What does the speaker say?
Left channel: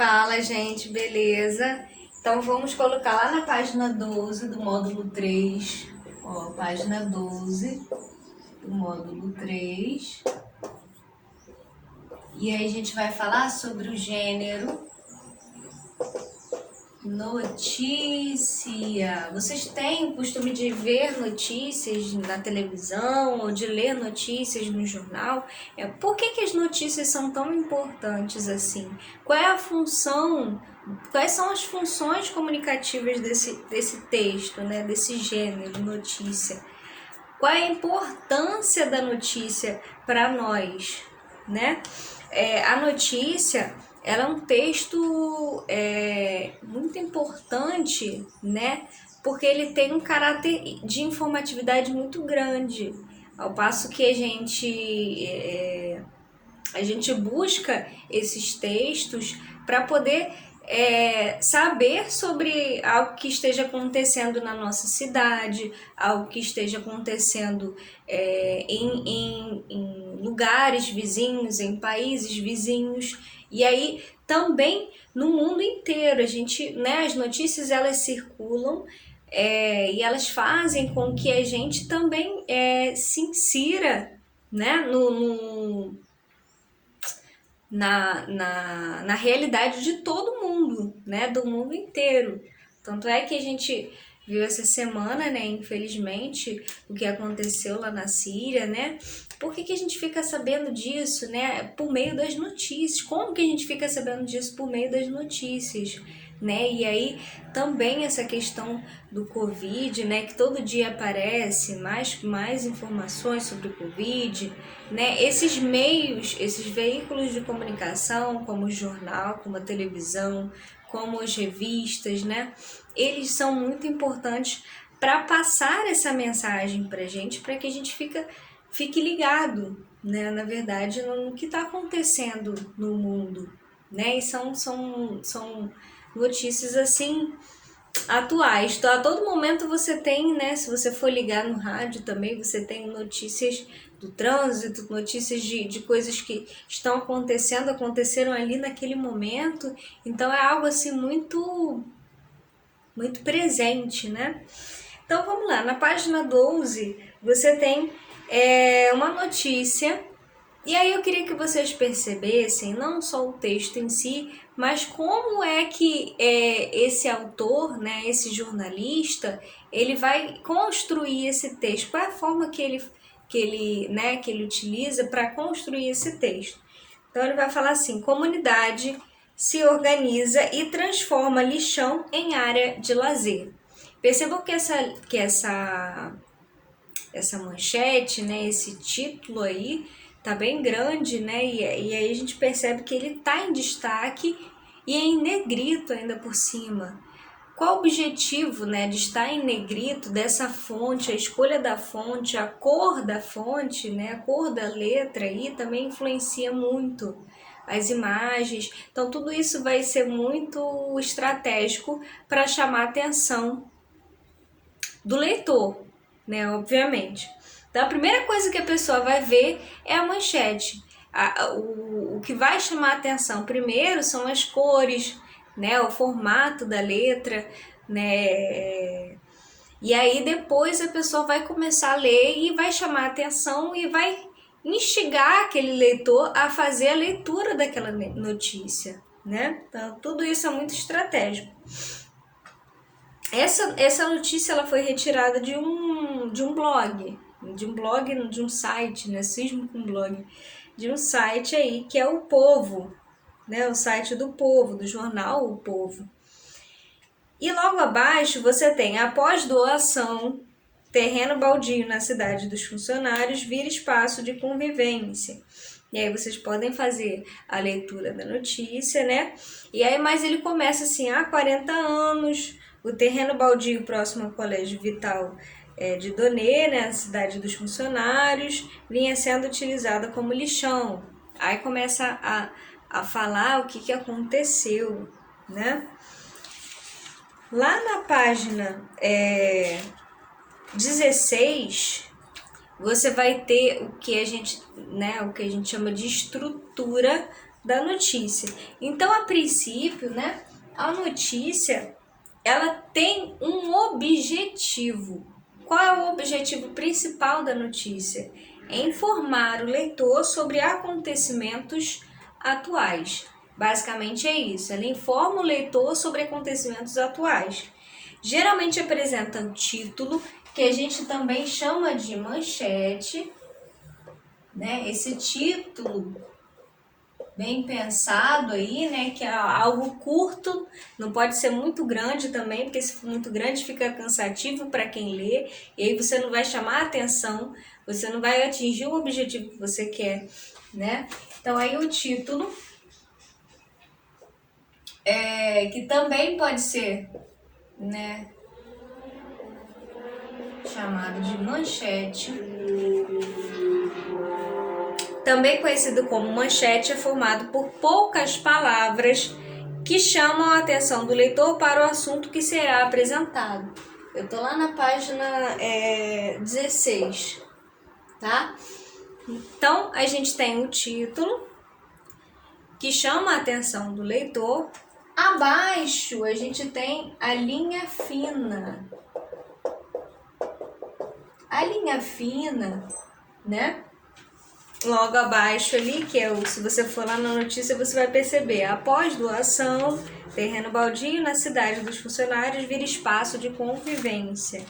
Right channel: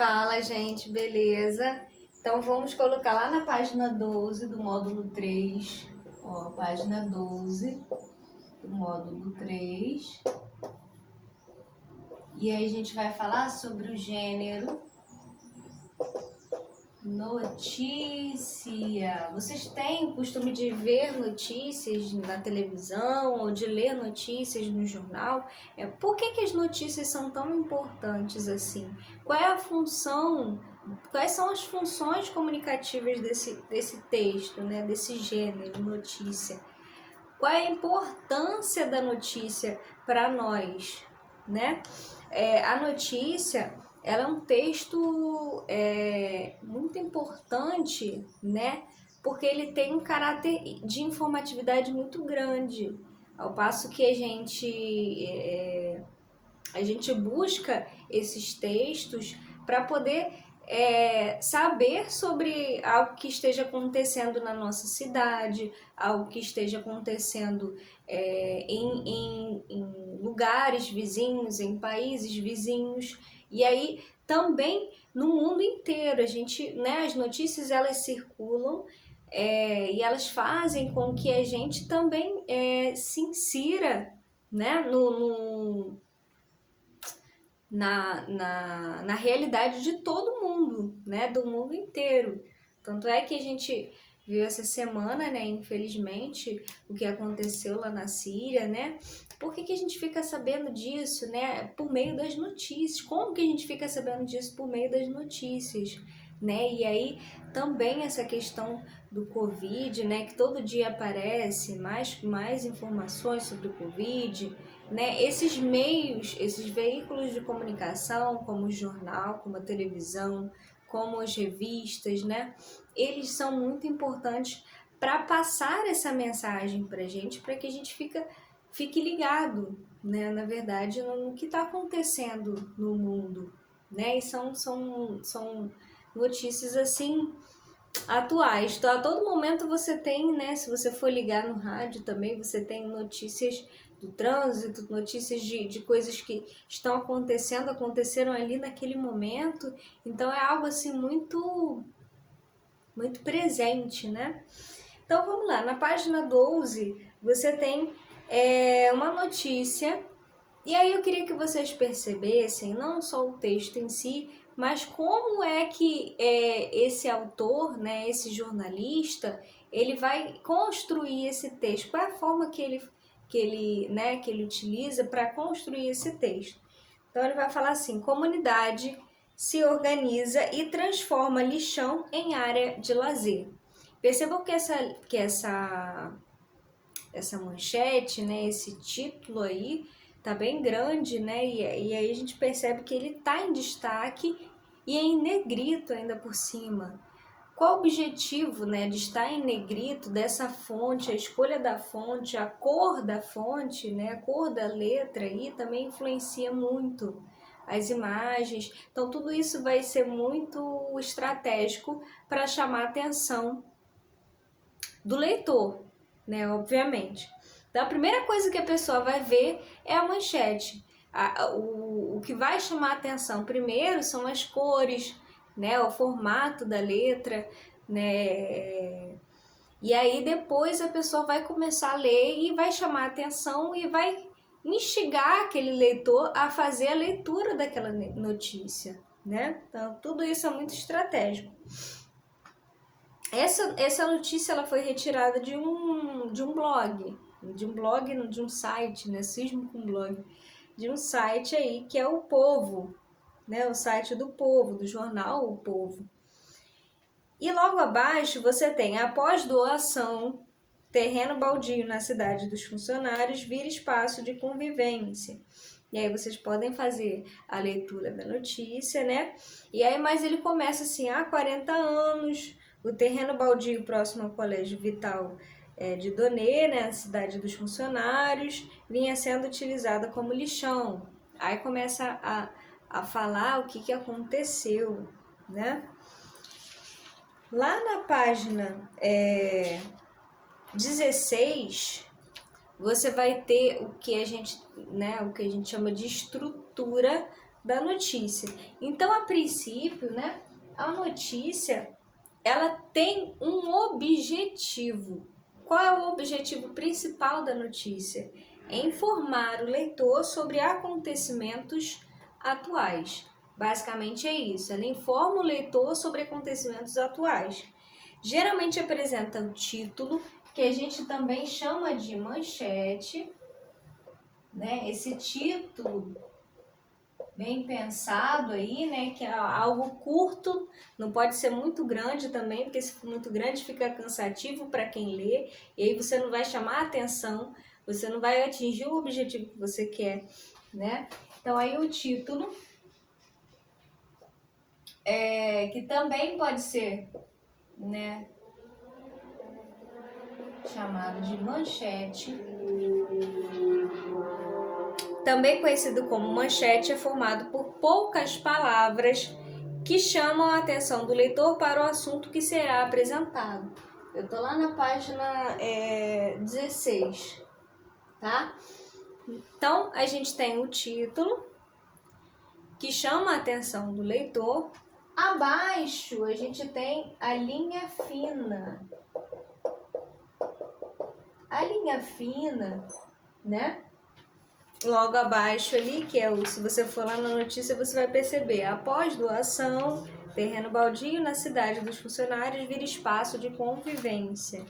Fala, gente, beleza? Então vamos colocar lá na página 12 do módulo 3, ó, página 12 do módulo 3. E aí a gente vai falar sobre o gênero notícia. Vocês têm o costume de ver notícias na televisão ou de ler notícias no jornal? Por que as notícias são tão importantes assim? Qual é a função, quais são as funções comunicativas desse texto, né? Desse gênero, notícia? Qual é a importância da notícia para nós, né? A notícia, ela é um texto muito importante, né? Porque ele tem um caráter de informatividade muito grande, ao passo que a gente busca esses textos para poder saber sobre algo que esteja acontecendo na nossa cidade, algo que esteja acontecendo em lugares vizinhos, em países vizinhos, e aí também no mundo inteiro. A gente, né, as notícias elas circulam e elas fazem com que a gente também se insira, né, na realidade de todo mundo, né, do mundo inteiro. Tanto é que a gente viu essa semana, né, infelizmente, o que aconteceu lá na Síria, né? Por que a gente fica sabendo disso, né? Por meio das notícias. Como que a gente fica sabendo disso? Por meio das notícias, né? E aí também essa questão do Covid, né, que todo dia aparece mais informações sobre o Covid, né? Esses meios, esses veículos de comunicação, como o jornal, como a televisão, como as revistas, né? Eles são muito importantes para passar essa mensagem para a gente, para que a gente fique ligado, né? Na verdade, no que está acontecendo no mundo, né? E são notícias assim atuais. Então, a todo momento você tem, né? Se você for ligar no rádio também, você tem notícias do trânsito, notícias de coisas que estão aconteceram ali naquele momento. Então é algo assim muito presente, né? Então vamos lá, na página 12 você tem uma notícia. E aí eu queria que vocês percebessem não só o texto em si, mas como é que esse autor, né, esse jornalista, ele vai construir esse texto, qual é a forma que ele utiliza para construir esse texto. Então ele vai falar assim: comunidade se organiza e transforma lixão em área de lazer. Percebam que essa manchete, né, esse título aí, tá bem grande, né? E aí a gente percebe que ele tá em destaque e é em negrito ainda por cima. Qual o objetivo, né, de estar em negrito dessa fonte, a escolha da fonte, a cor da fonte, né, a cor da letra aí também influencia muito as imagens. Então tudo isso vai ser muito estratégico para chamar a atenção do leitor, né, obviamente. Então a primeira coisa que a pessoa vai ver é a manchete. O que vai chamar a atenção primeiro são as cores, né, o formato da letra, né, e aí depois a pessoa vai começar a ler e vai chamar a atenção e vai instigar aquele leitor a fazer a leitura daquela notícia, né? Então tudo isso é muito estratégico. Essa notícia ela foi retirada de um blog, de um site, né? Sismo com blog, de um site aí que é o Povo, né? O site do Povo, do jornal O Povo. E logo abaixo você tem: após doação, terreno baldio na cidade dos funcionários vira espaço de convivência. E aí vocês podem fazer a leitura da notícia, né? E aí, mas ele começa assim: há 40 anos, o terreno baldio próximo ao Colégio Vital de Donê, né, na cidade dos funcionários, vinha sendo utilizado como lixão. Aí começa a falar o que aconteceu, né? Lá na página 16, você vai ter o que a gente chama de estrutura da notícia. Então, a princípio, né, a notícia, ela tem um objetivo. Qual é o objetivo principal da notícia? É informar o leitor sobre acontecimentos atuais. Basicamente é isso, ela informa o leitor sobre acontecimentos atuais. Geralmente apresenta o título, que a gente também chama de manchete, né? Esse título bem pensado aí, né? Que é algo curto, não pode ser muito grande também, porque se for muito grande fica cansativo para quem lê, e aí você não vai chamar a atenção, você não vai atingir o objetivo que você quer, né? Então aí o título, que também pode ser, né, chamado de manchete, também conhecido como manchete, é formado por poucas palavras que chamam a atenção do leitor para o assunto que será apresentado. Eu tô lá na página 16, tá? Então, a gente tem o título, que chama a atenção do leitor. Abaixo, a gente tem a linha fina. A linha fina, né? Logo abaixo ali, que é se você for lá na notícia, você vai perceber: após doação, terreno baldio na cidade dos funcionários vira espaço de convivência.